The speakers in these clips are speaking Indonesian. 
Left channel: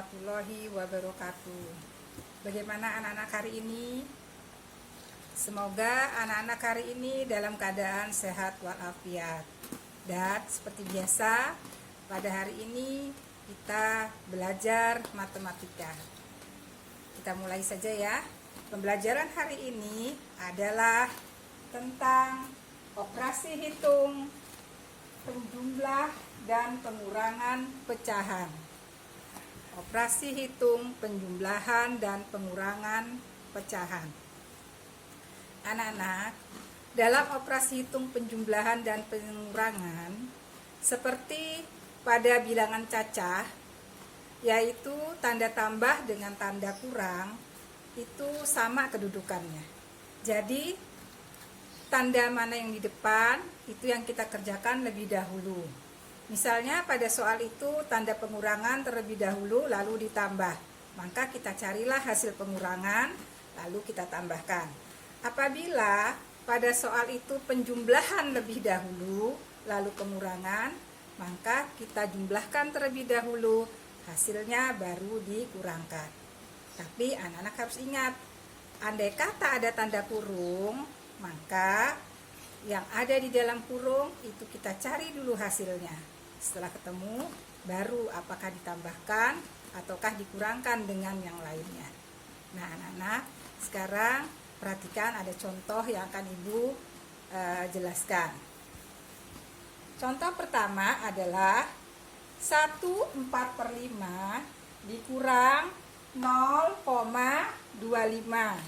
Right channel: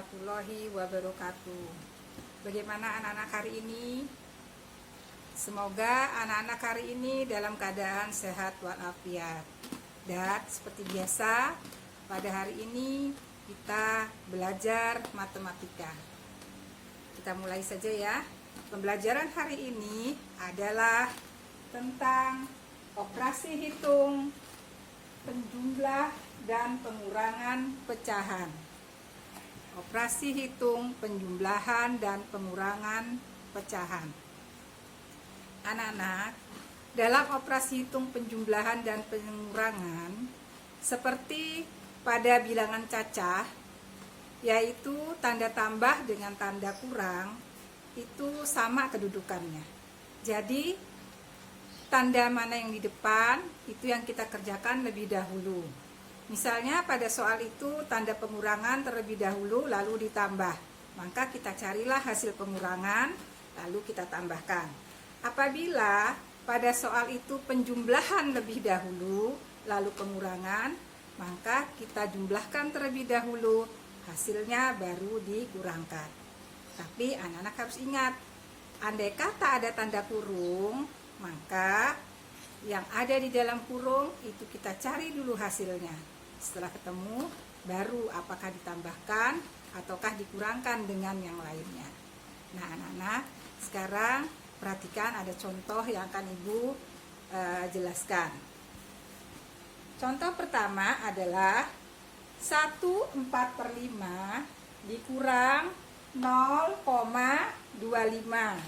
warahmatullahi wabarakatuh. Bagaimana anak-anak hari ini? Semoga anak-anak hari ini dalam keadaan sehat walafiat. Dan seperti biasa, pada hari ini kita belajar matematika. Kita mulai saja ya. Pembelajaran hari ini adalah tentang operasi hitung, penjumlah dan pengurangan pecahan. Operasi hitung, penjumlahan dan pengurangan pecahan. Anak-anak, dalam operasi hitung, penjumlahan dan pengurangan, seperti pada bilangan cacah, yaitu tanda tambah dengan tanda kurang, itu sama kedudukannya. Jadi, tanda mana yang di depan, itu yang kita kerjakan lebih dahulu. Misalnya pada soal itu tanda pengurangan terlebih dahulu lalu ditambah. Maka kita carilah hasil pengurangan lalu kita tambahkan. Apabila pada soal itu penjumlahan lebih dahulu lalu pengurangan, maka kita jumlahkan terlebih dahulu, hasilnya baru dikurangkan. Tapi anak-anak harus ingat, andai kata ada tanda kurung, maka yang ada di dalam kurung itu kita cari dulu hasilnya. Setelah ketemu, baru apakah ditambahkan ataukah dikurangkan dengan yang lainnya. Nah, anak-anak, sekarang perhatikan ada contoh yang akan Ibu jelaskan. Contoh pertama adalah 1/4/5 dikurang 0,25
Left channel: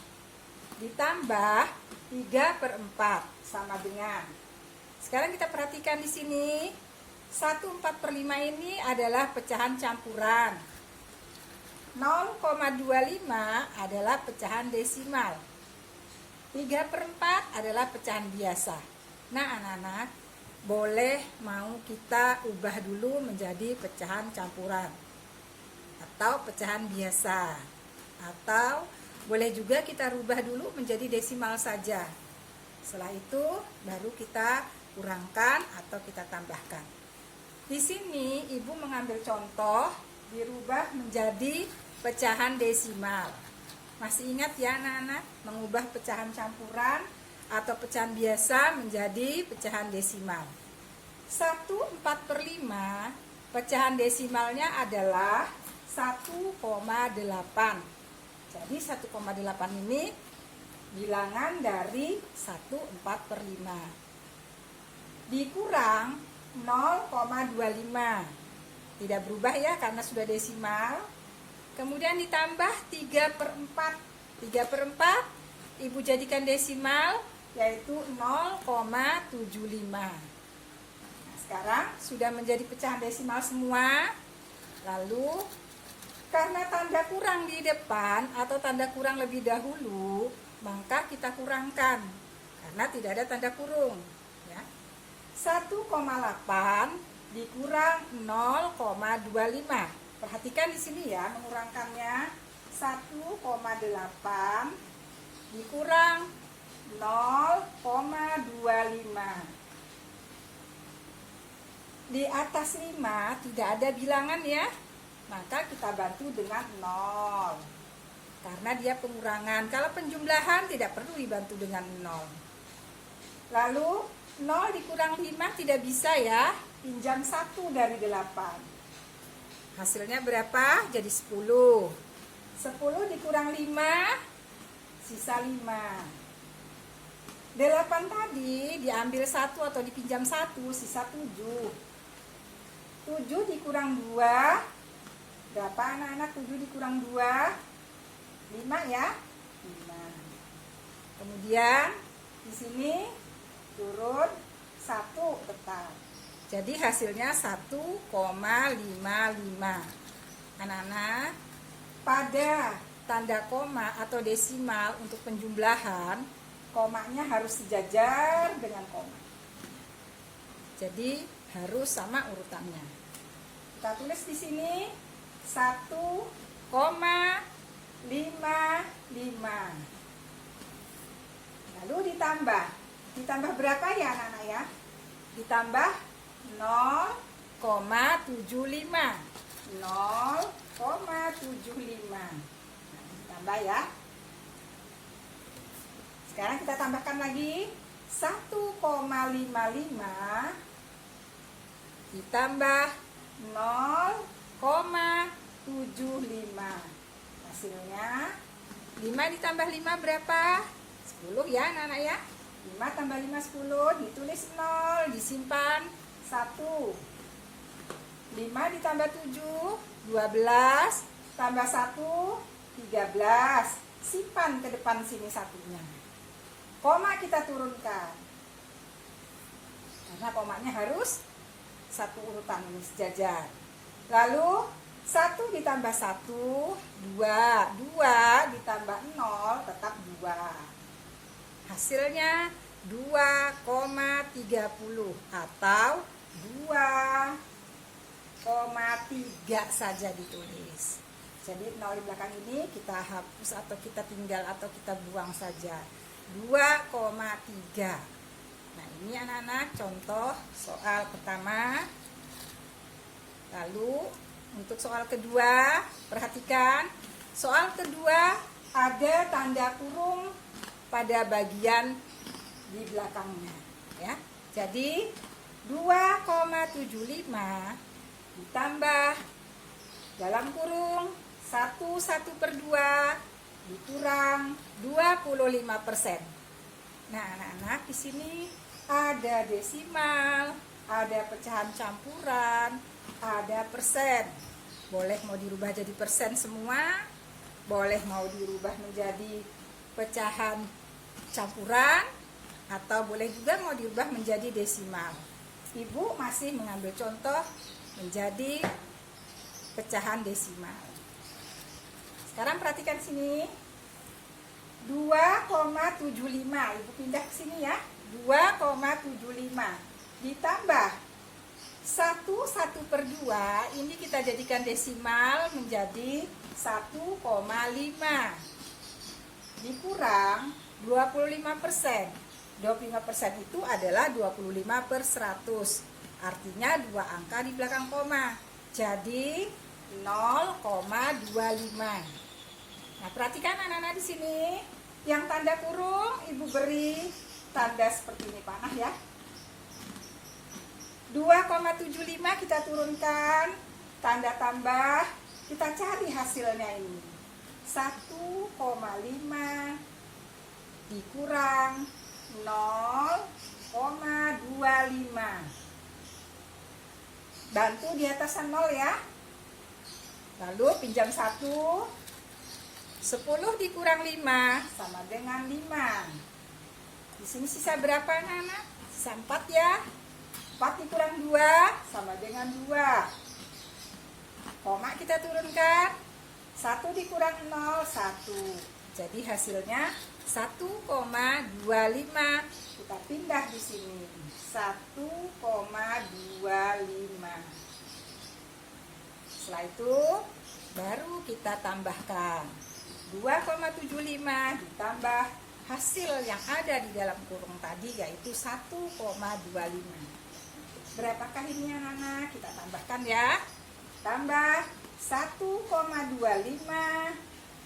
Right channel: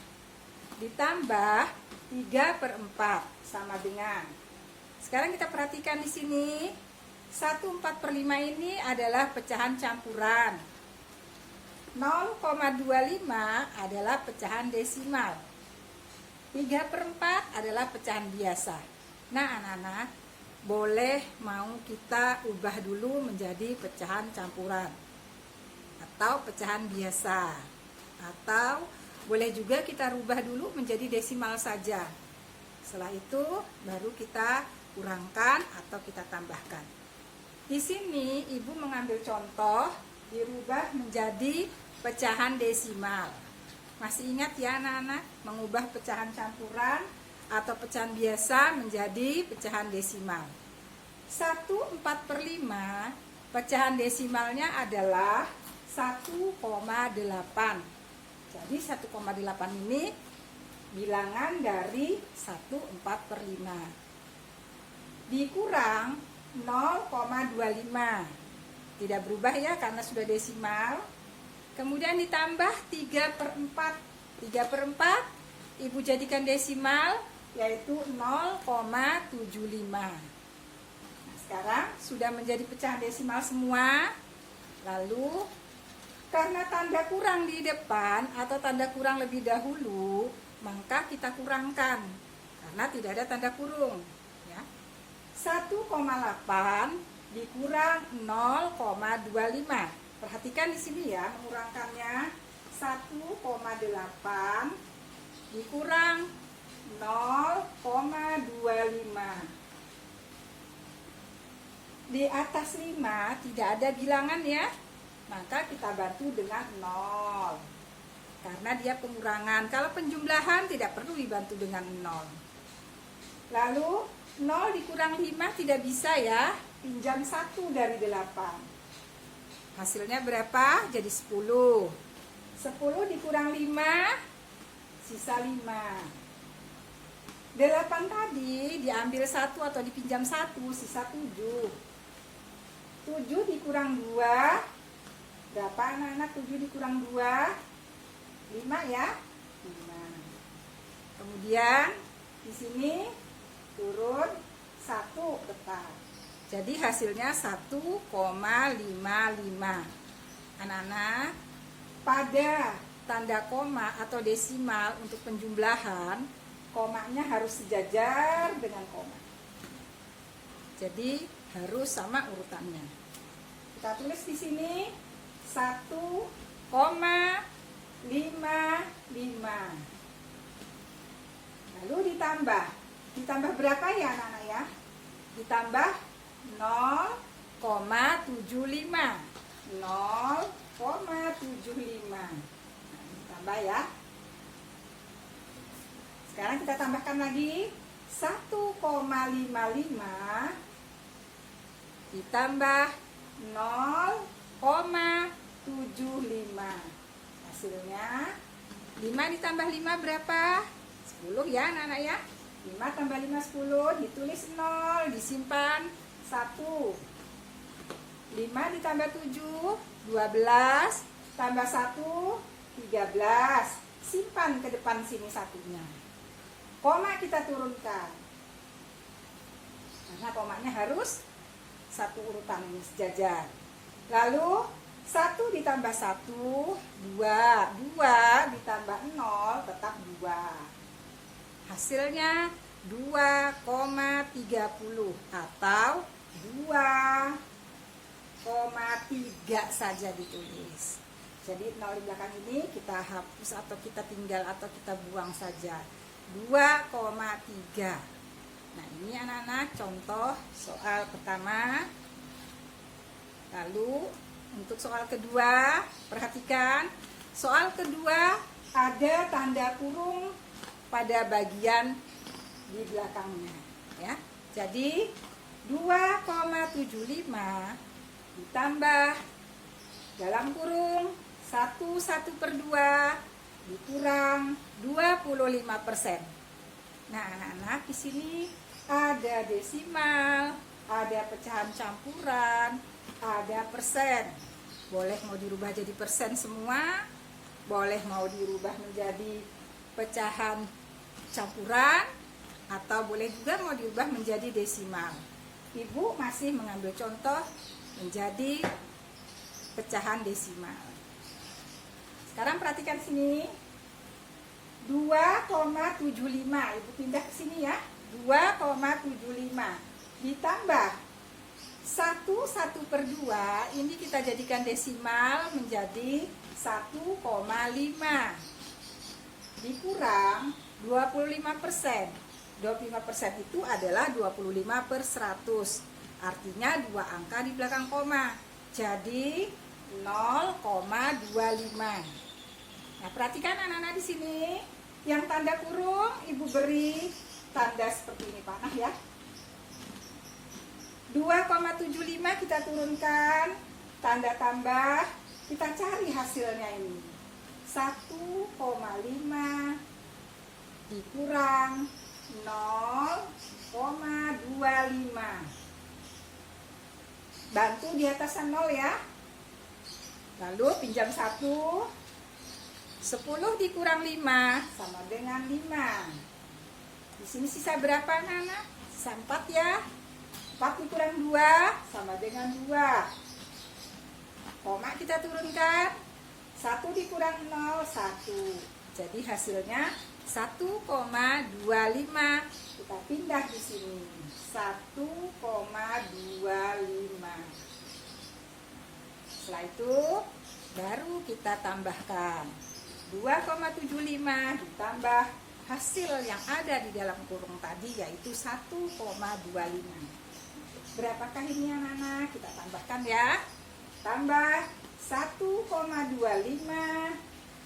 ditambah 3/4 sama dengan. Sekarang kita perhatikan di sini. 1/4/5 ini adalah pecahan campuran. 0,25 adalah pecahan desimal. 3/4 adalah pecahan biasa. Nah, anak-anak, boleh mau kita ubah dulu menjadi pecahan campuran atau pecahan biasa. Atau boleh juga kita rubah dulu menjadi desimal saja. Setelah itu baru kita kurangkan atau kita tambahkan. Di sini Ibu mengambil contoh dirubah menjadi pecahan desimal. Masih ingat ya anak-anak, mengubah pecahan campuran atau pecahan biasa menjadi pecahan desimal. 1/4/5 pecahan desimalnya adalah 1,8. Jadi 1,8 ini bilangan dari 1/4/5. Dikurang 0,25. Tidak berubah ya karena sudah desimal. Kemudian ditambah 3/4. 3/4 Ibu jadikan desimal yaitu 0,75. Nah, sekarang sudah menjadi pecahan desimal semua. Lalu karena tanda kurang di depan atau tanda kurang lebih dahulu, maka kita kurangkan karena tidak ada tanda kurung. 1,8 dikurang 0,25. Perhatikan di sini ya, mengurangkannya. 1,8 dikurang 0,25. Di atas 5 tidak ada bilangan ya, maka kita bantu dengan 0. Karena dia pengurangan. Kalau penjumlahan tidak perlu dibantu dengan 0. Lalu 0 dikurang 5 tidak bisa ya, pinjam 1 dari 8. Hasilnya berapa? Jadi 10. 10 dikurang 5, sisa 5. 8 tadi diambil 1 atau dipinjam 1, sisa 7. 7 dikurang 2, berapa anak-anak? 7 dikurang 2, 5 ya? 5. Kemudian di sini turun 1 tetap. Jadi hasilnya 1,55. Anak-anak, pada tanda koma atau desimal untuk penjumlahan, komanya harus sejajar dengan koma. Jadi harus sama urutannya. Kita tulis di sini 1,55. Lalu ditambah berapa ya anak-anak ya? Ditambah 0,75. 0,75. Nah, tambah ya. Sekarang kita tambahkan lagi 1,55 ditambah 0,75. Hasilnya 5 ditambah 5 berapa? 10 ya anak-anak ya. 5 tambah 5 10, ditulis 0, disimpan 1. 5 ditambah 7 12, tambah 1 13. Simpan ke depan sini satunya. Koma kita turunkan, karena komanya harus satu urutan ini sejajar. Lalu 1 ditambah 1 2, 2 ditambah 0 tetap 2. Hasilnya 2,30 atau 2,3 saja ditulis. Jadi 0 di belakang ini kita hapus atau kita tinggal atau kita buang saja. 2,3. Nah, ini anak-anak contoh soal pertama. Lalu untuk soal kedua, perhatikan. Soal kedua ada tanda kurung pada bagian di belakangnya, ya. Jadi 2,75 ditambah dalam kurung 1/2 dikurang 25%. Nah, anak-anak di sini ada desimal, ada pecahan campuran, ada persen. Boleh mau dirubah jadi persen semua, boleh mau dirubah menjadi pecahan campuran, atau boleh juga mau dirubah menjadi desimal. Ibu masih mengambil contoh menjadi pecahan desimal. Sekarang perhatikan sini. 2,75. Ibu pindah ke sini ya. 2,75 ditambah 1/2, ini kita jadikan desimal menjadi 1,5 dikurang 25%. 25% itu adalah 25/100. Artinya 2 angka di belakang koma. Jadi 0,25. Nah, perhatikan anak-anak di sini. Yang tanda kurung ibu beri tanda seperti ini panah ya. 2,75 kita turunkan, tanda tambah, kita cari hasilnya ini. 1,5 dikurang 0,25. Bantu di atas 0 ya. Lalu pinjam 1. 10 dikurang 5 sama dengan 5. Di sini sisa berapa anak-anak? Sisa 4 ya. 4 dikurang 2 sama dengan 2. Koma kita turunkan. 1 dikurang 0, 1. Jadi hasilnya 1,25. Kita pindah di sini. 1,25. Setelah itu baru kita tambahkan 2,75 ditambah hasil yang ada di dalam kurung tadi, yaitu 1,25. Berapakah ini anak-anak? Kita tambahkan ya. Tambah 1,25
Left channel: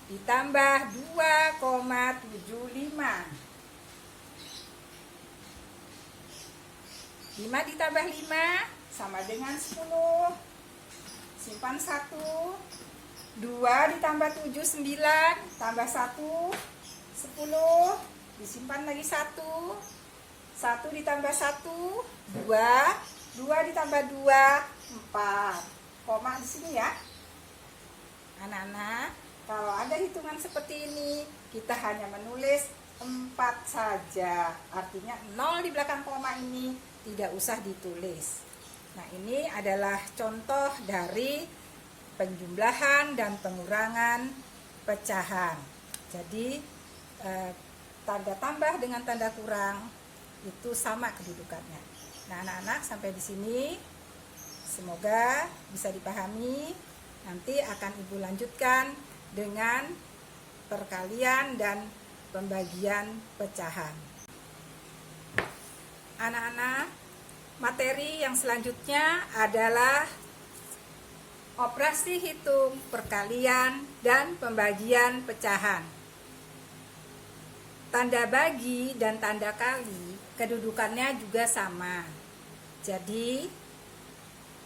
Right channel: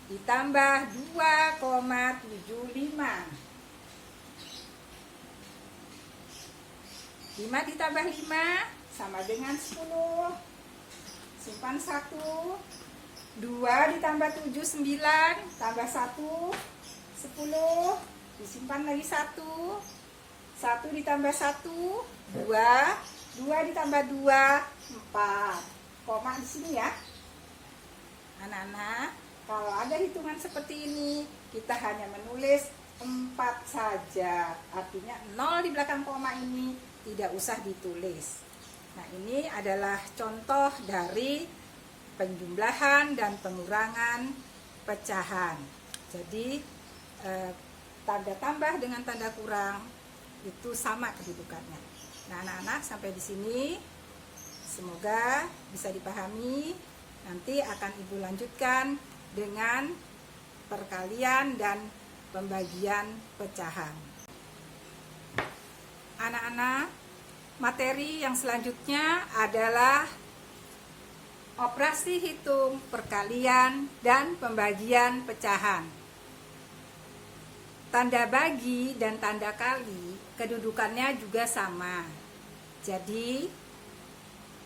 ditambah 2,75. 5 ditambah 5 sama dengan 10. Simpan 1. 2 ditambah 7, 9. Tambah 1, 10. Disimpan lagi 1. 1 ditambah 1, 2. 2 ditambah 2, 4. Koma di sini ya. Anak-anak, kalau ada hitungan seperti ini, kita hanya menulis 4 saja. Artinya 0 di belakang koma ini tidak usah ditulis. Nah, ini adalah contoh dari penjumlahan dan pengurangan pecahan. Jadi tanda tambah dengan tanda kurang itu sama kedudukannya. Nah, anak-anak, sampai di sini semoga bisa dipahami. Nanti akan Ibu lanjutkan dengan perkalian dan pembagian pecahan. Anak-anak, materi yang selanjutnya adalah Operasi hitung, perkalian, dan pembagian pecahan. Tanda bagi dan tanda kali kedudukannya juga sama. Jadi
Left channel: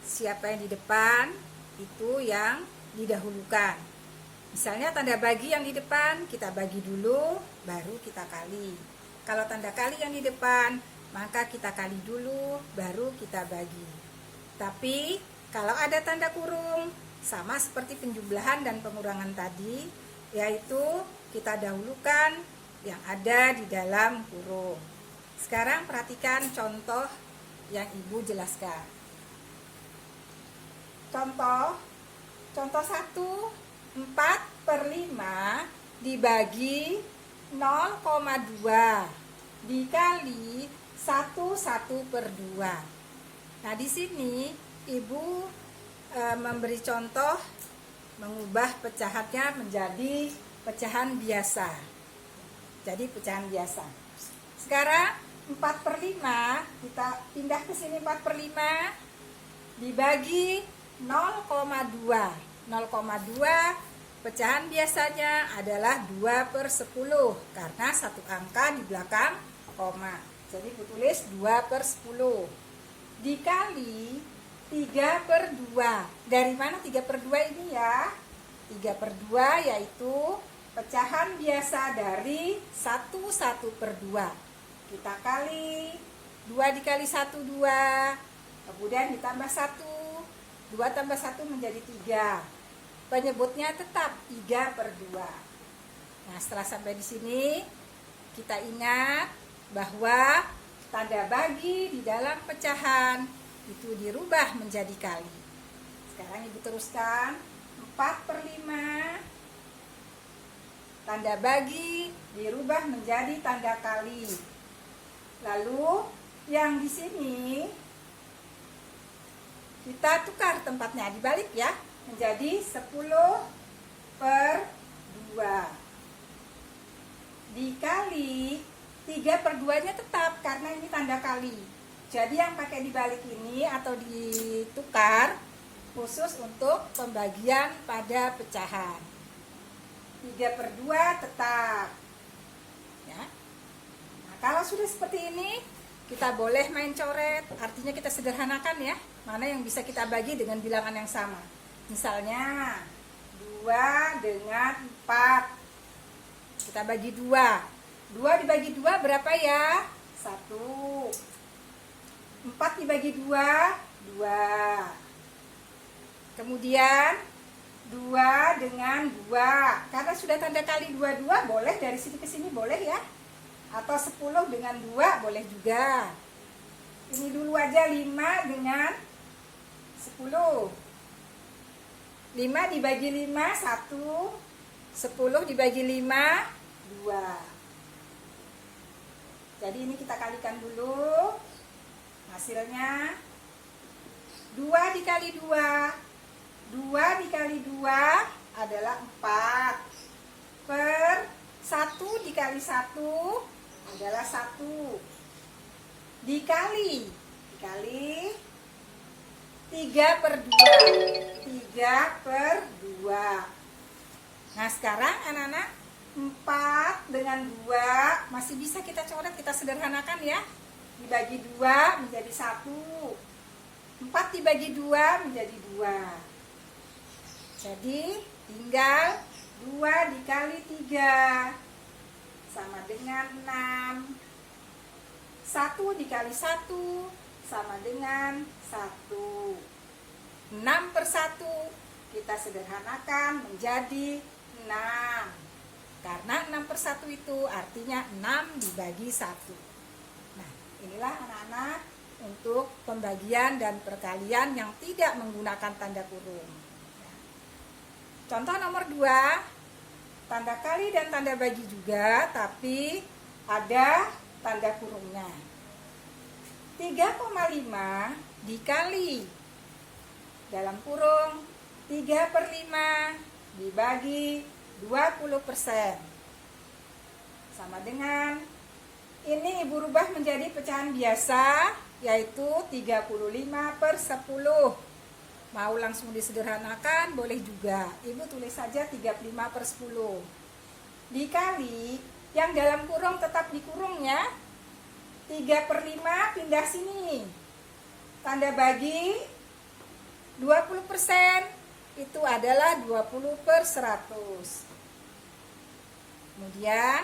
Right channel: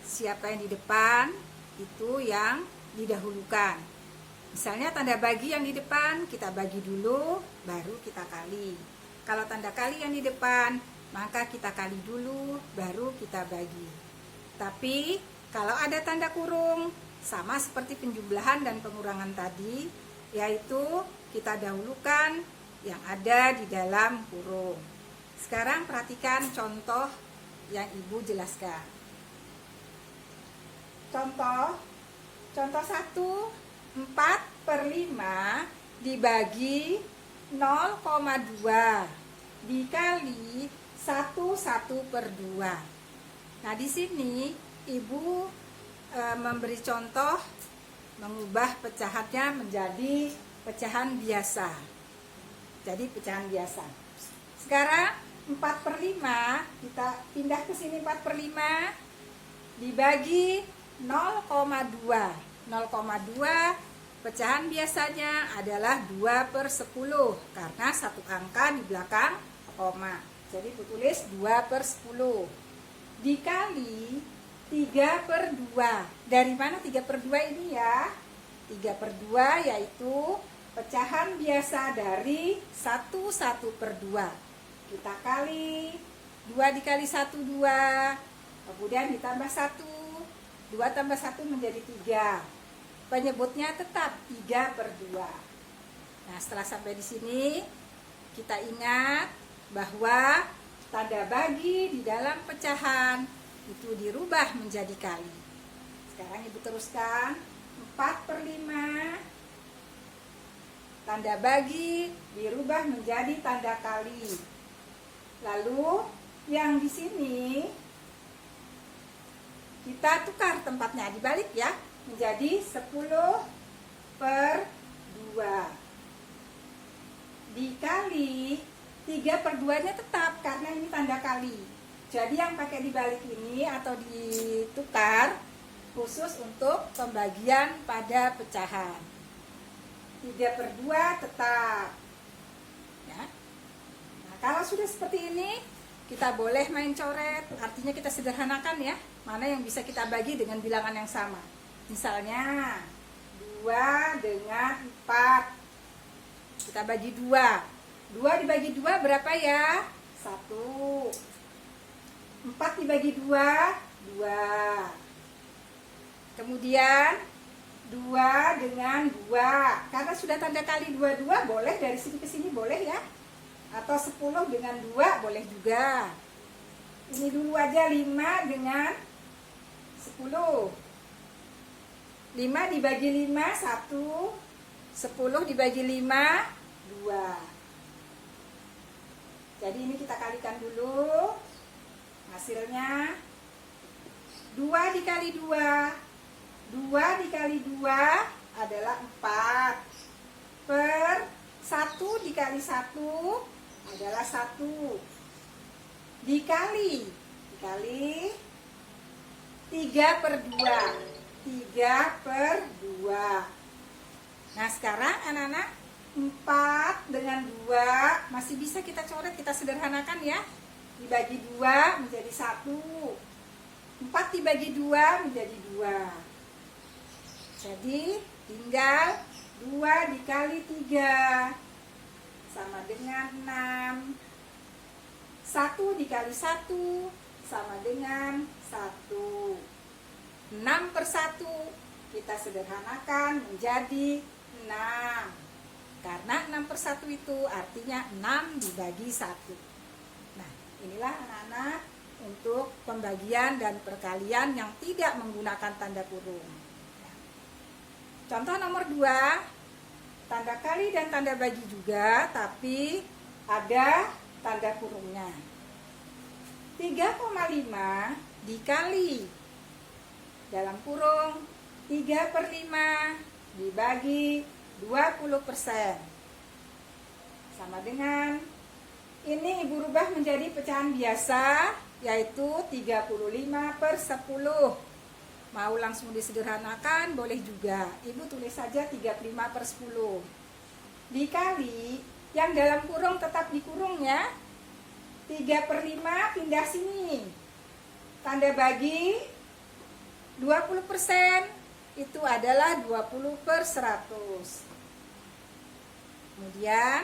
siapa yang di depan itu yang didahulukan. Misalnya tanda bagi yang di depan kita bagi dulu, baru kita kali. Kalau tanda kali yang di depan, maka kita kali dulu, baru kita bagi. Tapi kalau ada tanda kurung, sama seperti penjumlahan dan pengurangan tadi, yaitu kita dahulukan yang ada di dalam kurung. Sekarang perhatikan contoh yang Ibu jelaskan. Contoh 1, 4/5 dibagi 0,2 dikali 1/2. Nah, di sini Ibu memberi contoh mengubah pecahannya menjadi pecahan biasa. Jadi pecahan biasa. Sekarang 4/5 kita pindah ke sini. 4/5 dibagi 0,2. 0,2 pecahan biasanya adalah 2/10 karena satu angka di belakang koma. Jadi ditulis 2/10 dikali 3/2. Dari mana 3/2 ini ya? 3/2 yaitu pecahan biasa dari 1/2. Kita kali 2 dikali 1, 2. Kemudian ditambah 1. 2 tambah 1 menjadi 3. Penyebutnya tetap 3/2. Nah, setelah sampai di sini kita ingat bahwa tanda bagi di dalam pecahan itu dirubah menjadi kali. Sekarang Ibu teruskan. 4/5 tanda bagi dirubah menjadi tanda kali. Lalu yang di sini kita tukar tempatnya, dibalik ya, menjadi 10/2 dikali 3/2 nya tetap karena ini tanda kali. Jadi yang pakai dibalik ini atau ditukar khusus untuk pembagian pada pecahan. 3/2 tetap ya. Nah, kalau sudah seperti ini kita boleh main coret, artinya kita sederhanakan ya, mana yang bisa kita bagi dengan bilangan yang sama. Misalnya 2 dengan 4 kita bagi 2. 2 dibagi 2 berapa ya? 1. 4 dibagi 2, 2. Kemudian 2 dengan 2. Karena sudah tanda kali 2 boleh dari sini ke sini boleh ya. Atau 10 dengan 2 boleh juga. Ini dulu aja 5 dengan 10. 5 dibagi 5, 1. 10 dibagi 5, 2. Jadi ini kita kalikan dulu. Hasilnya 2 dikali 2. 2 dikali 2 adalah 4. Per 1 dikali 1 adalah 1. Dikali 3/2. 3/2. Nah, sekarang anak-anak 4 dengan 2 masih bisa kita coret, kita sederhanakan ya. Dibagi 2 menjadi 1. 4 dibagi 2 menjadi 2. Jadi tinggal 2 dikali 3 sama dengan 6. 1 dikali 1 sama dengan 1. 6/1 kita sederhanakan menjadi 6. Karena 6/1 itu artinya 6 dibagi 1. Nah, inilah anak-anak untuk pembagian dan perkalian yang tidak menggunakan tanda kurung. Contoh nomor 2, tanda kali dan tanda bagi juga, tapi ada tanda kurungnya. 3,5 dikali dalam kurung 3/5 dibagi 20%. Sama dengan ini Ibu rubah menjadi pecahan biasa, yaitu 35/10. Mau langsung disederhanakan boleh juga. Ibu tulis saja 35/10. Dikali, yang dalam kurung tetap dikurung ya. 3/5 pindah sini. Tanda bagi 20%. Itu adalah 20/100. Kemudian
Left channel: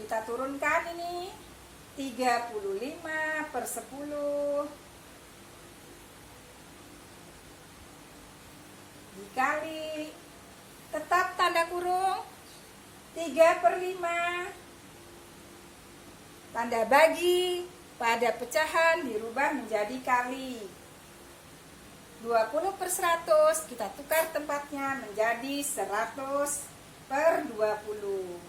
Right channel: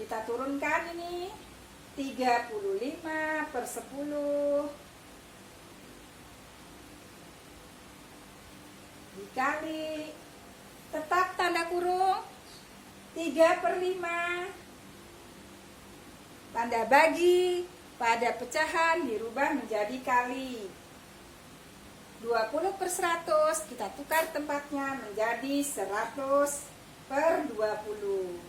kita turunkan ini 35/10 dikali, tetap tanda kurung 3/5, tanda bagi pada pecahan dirubah menjadi kali. 20/100 kita tukar tempatnya menjadi 100/20.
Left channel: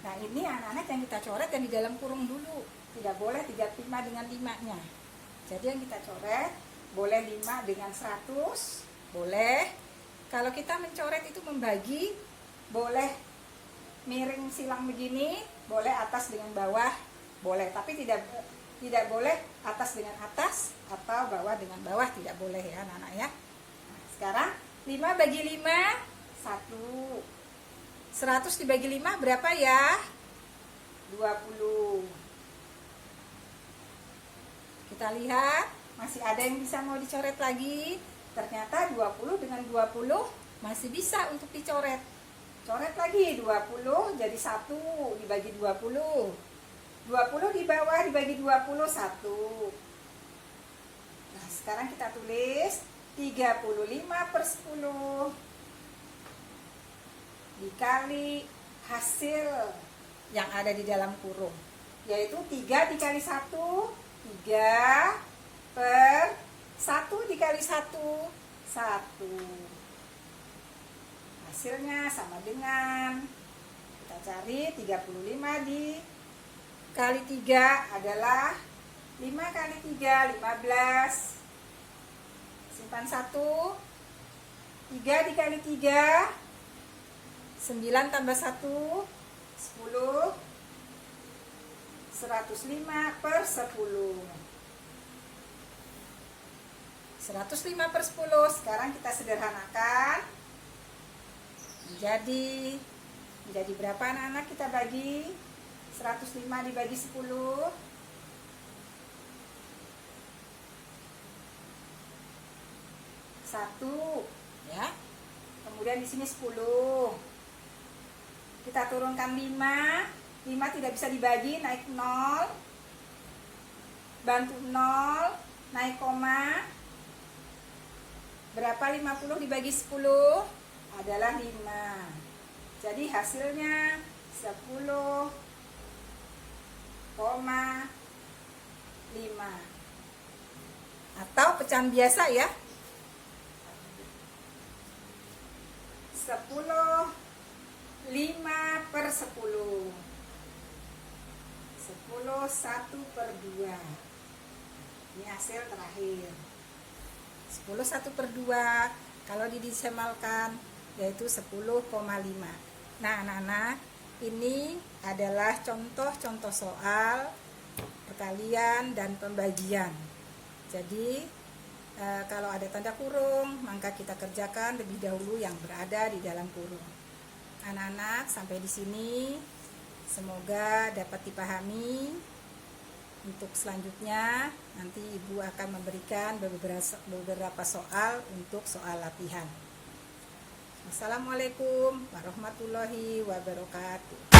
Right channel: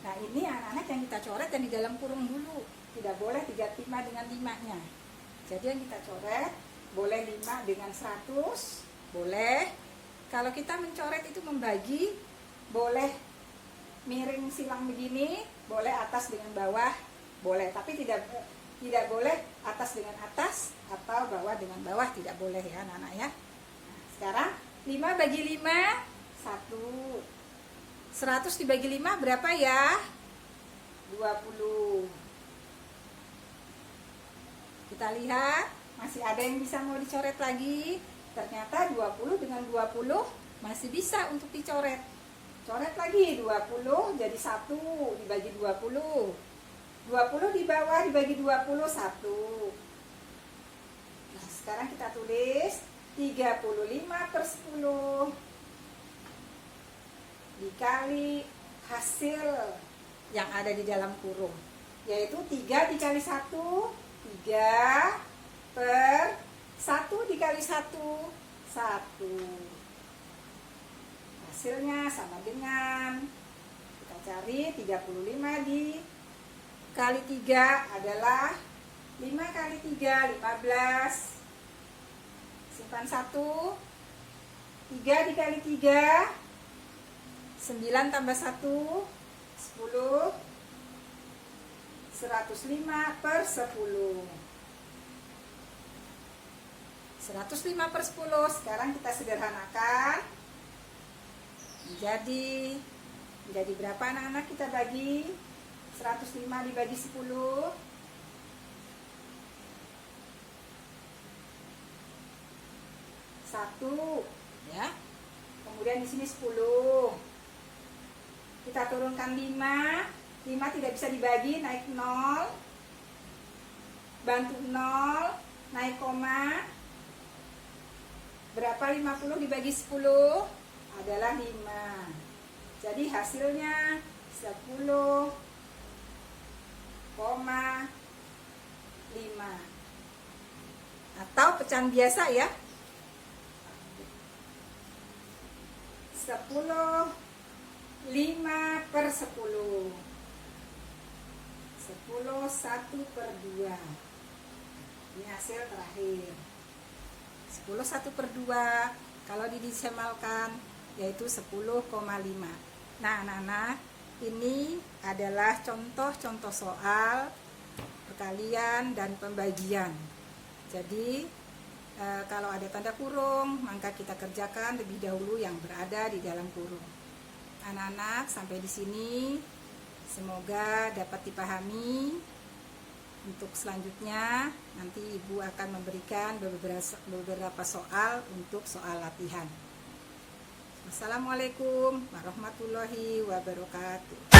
Nah, ini anak-anak yang kita coret yang di dalam kurung dulu. Tidak boleh 35 dengan 5-nya. Jadi yang kita coret boleh 5 dengan 100, boleh. Kalau kita mencoret itu membagi, boleh miring silang begini, boleh atas dengan bawah, boleh. Tapi tidak boleh atas dengan atas atau bawah dengan bawah, tidak boleh ya anak-anak ya. Nah, sekarang 5 bagi 5, 1. 100 dibagi 5 berapa ya? 20. Kita lihat, masih ada yang bisa mau dicoret lagi. Ternyata 20 dengan 20 masih bisa untuk dicoret. Coret lagi 20 jadi 1 dibagi 20. 20 di bawah dibagi 20, 1. Nah, sekarang kita tulis 35/10 dikali hasil yang ada di dalam kurung, yaitu 3 dikali 1, 3/1 dikali 1, 1. Hasilnya sama dengan, kita cari 35 dikali 3 adalah 5 kali 3, 15. Simpan 1. 3 dikali 3, 9 tambah 1, 10. 105/10. 105/10. Sekarang kita sederhanakan menjadi berapa anak-anak? Kita bagi 105 dibagi 10, 1 ya. Kemudian di sini 10. Kita turunkan 5. 5 tidak bisa dibagi, naik 0. Bantu 0, naik koma. Berapa 50 dibagi 10? Adalah 5. Jadi hasilnya 10,5. Atau pecahan biasa ya. 10, 5/10. 10, 1/2. Ini hasil terakhir. 10, 1/2 kalau didesimalkan yaitu 10,5. Nah anak-anak, ini adalah contoh-contoh soal perkalian dan pembagian. Jadi kalau ada tanda kurung, maka kita kerjakan lebih dahulu yang berada di dalam kurung. Anak-anak, sampai di sini semoga dapat dipahami. Untuk selanjutnya nanti Ibu akan memberikan beberapa soal untuk soal latihan. Assalamualaikum warahmatullahi wabarakatuh.